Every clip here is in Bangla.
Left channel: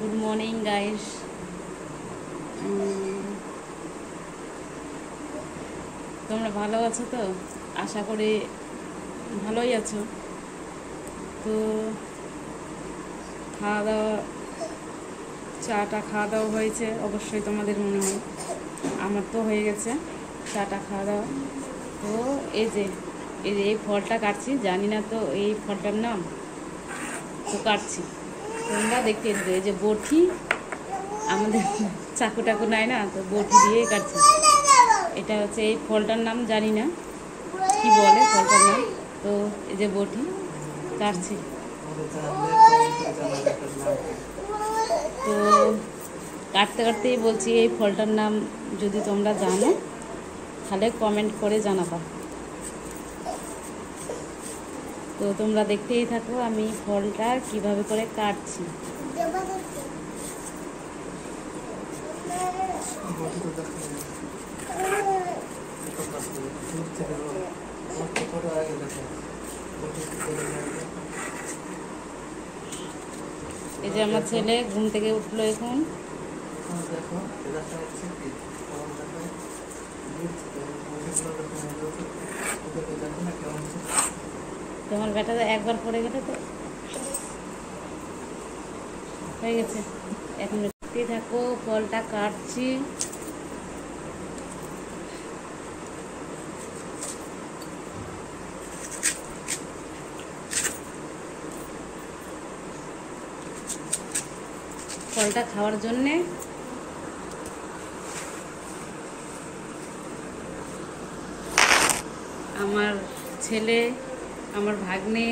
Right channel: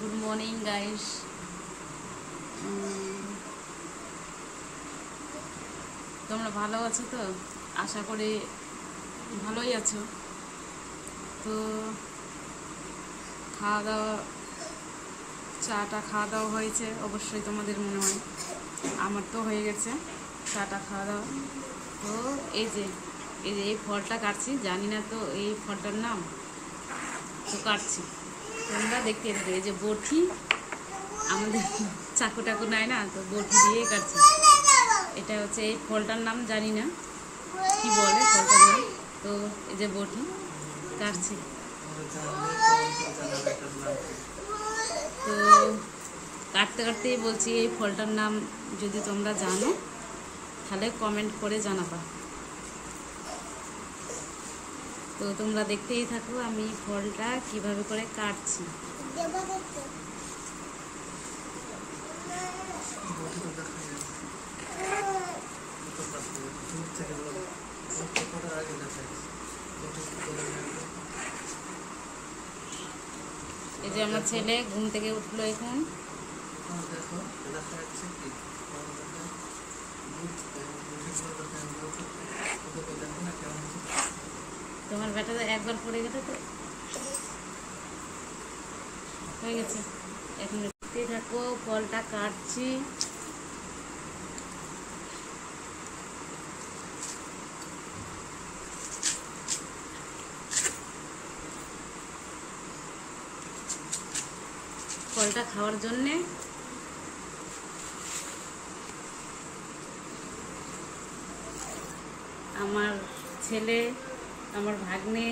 Good morning guys. তোমরা ভালো আছো তো? আশা করি ভালোই আছো। তো খাওয়া দাওয়া, চাটা খাওয়া দাওয়া হয়েছে অবশ্যই, তোমাদের মনে হয়। আমার তো হয়ে গেছে চাটা খাওয়া দাওয়া। তো এই ফলটা কাটছি, জানি না তো এই ফলটার নাম, তো কাটছি। তোমরা দেখতে দিতে, এই যে বটি, আমাদের চাকু টাকু নাই না, তো বটি দিয়ে কাটছি। এটা হচ্ছে এই ফলটার নাম, জানি না কি বলে ফলটার নাম। তো এই যে বটি কাটছি। তো কাটতে কাটতেই বলছি, এই ফলটার নাম যদি তোমরা জানো তাহলে কমেন্ট করে জানাবা। তো তোমরা দেখতেই থাকো আমি ফলটা কিভাবে করে কাটছি। এই যে আমার ছেলে ঘুম থেকে উঠলো এখন। তোমার ব্যাটাটা একবার পড়ে গেছে তো হয়ে গেছে। এখন দেখতেই থাকো, ফলটা কাটছি। ফলটা খাওয়ার জন্যে আমার ছেলে, আমার ভাগ্নে,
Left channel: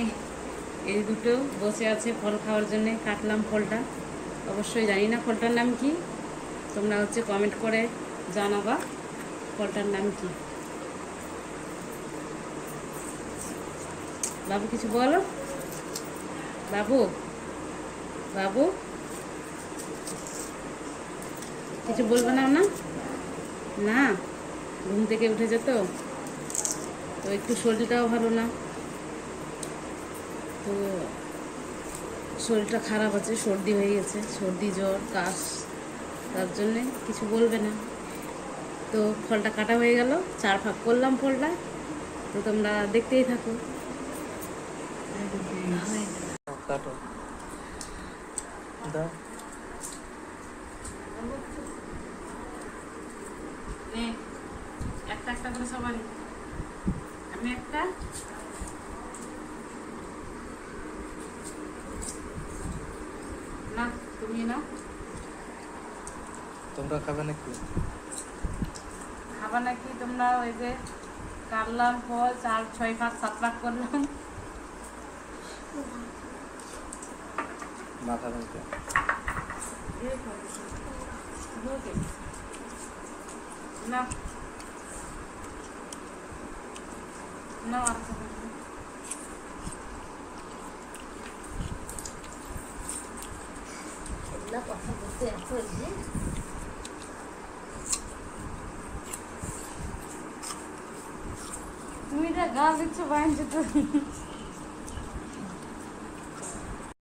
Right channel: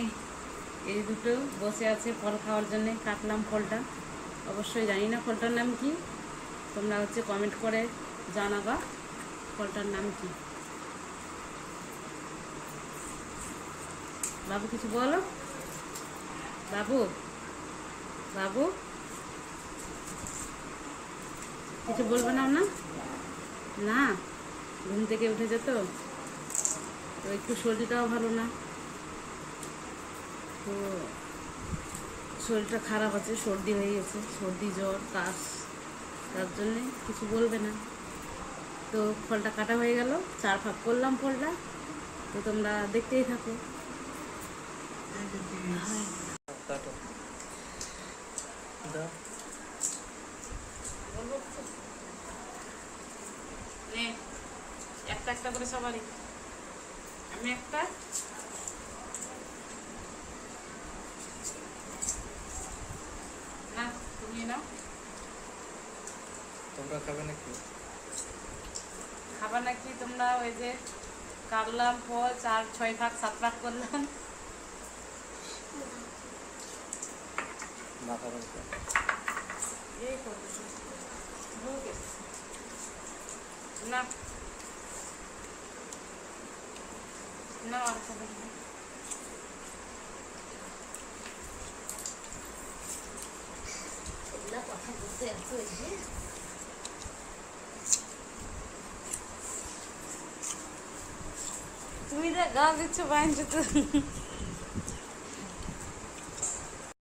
এই দুটো বসে আছে ফল খাওয়ার জন্যে। কাটলাম ফলটা, অবশ্যই জানি না ফলটার নাম কি। তোমরা কমেন্ট করে জানাবা ফলটার নাম কি। বাবু কিছু বলো। বাবু বাবু কিছু বলবে না? না না, ঘুম থেকে উঠেছে তো একটু শরীরটাও ভালো না, তো শরীরটা খারাপ আছে, সর্দি হয়ে গেছে, সর্দি জ্বর কাশ, তার জন্যে কিছু বলবে না। তো ফলটা কাটা হয়ে গেল, 4 ভাগ করলাম ফলটা। তো তোমরা দেখতেই থাকো। একটা একটা করে সবারই, আমি একটা, না তুমি নাও। তোমরা খাবে নাকি? খাবার নাকি তোমরা? ওই যে কাটলাম ফল, 4-6 ভাগ 7 ভাগ করলাম। মাথা রঙটা না না, আর কথা বলতে এত তুমি যা গা দিচ্ছ বাইন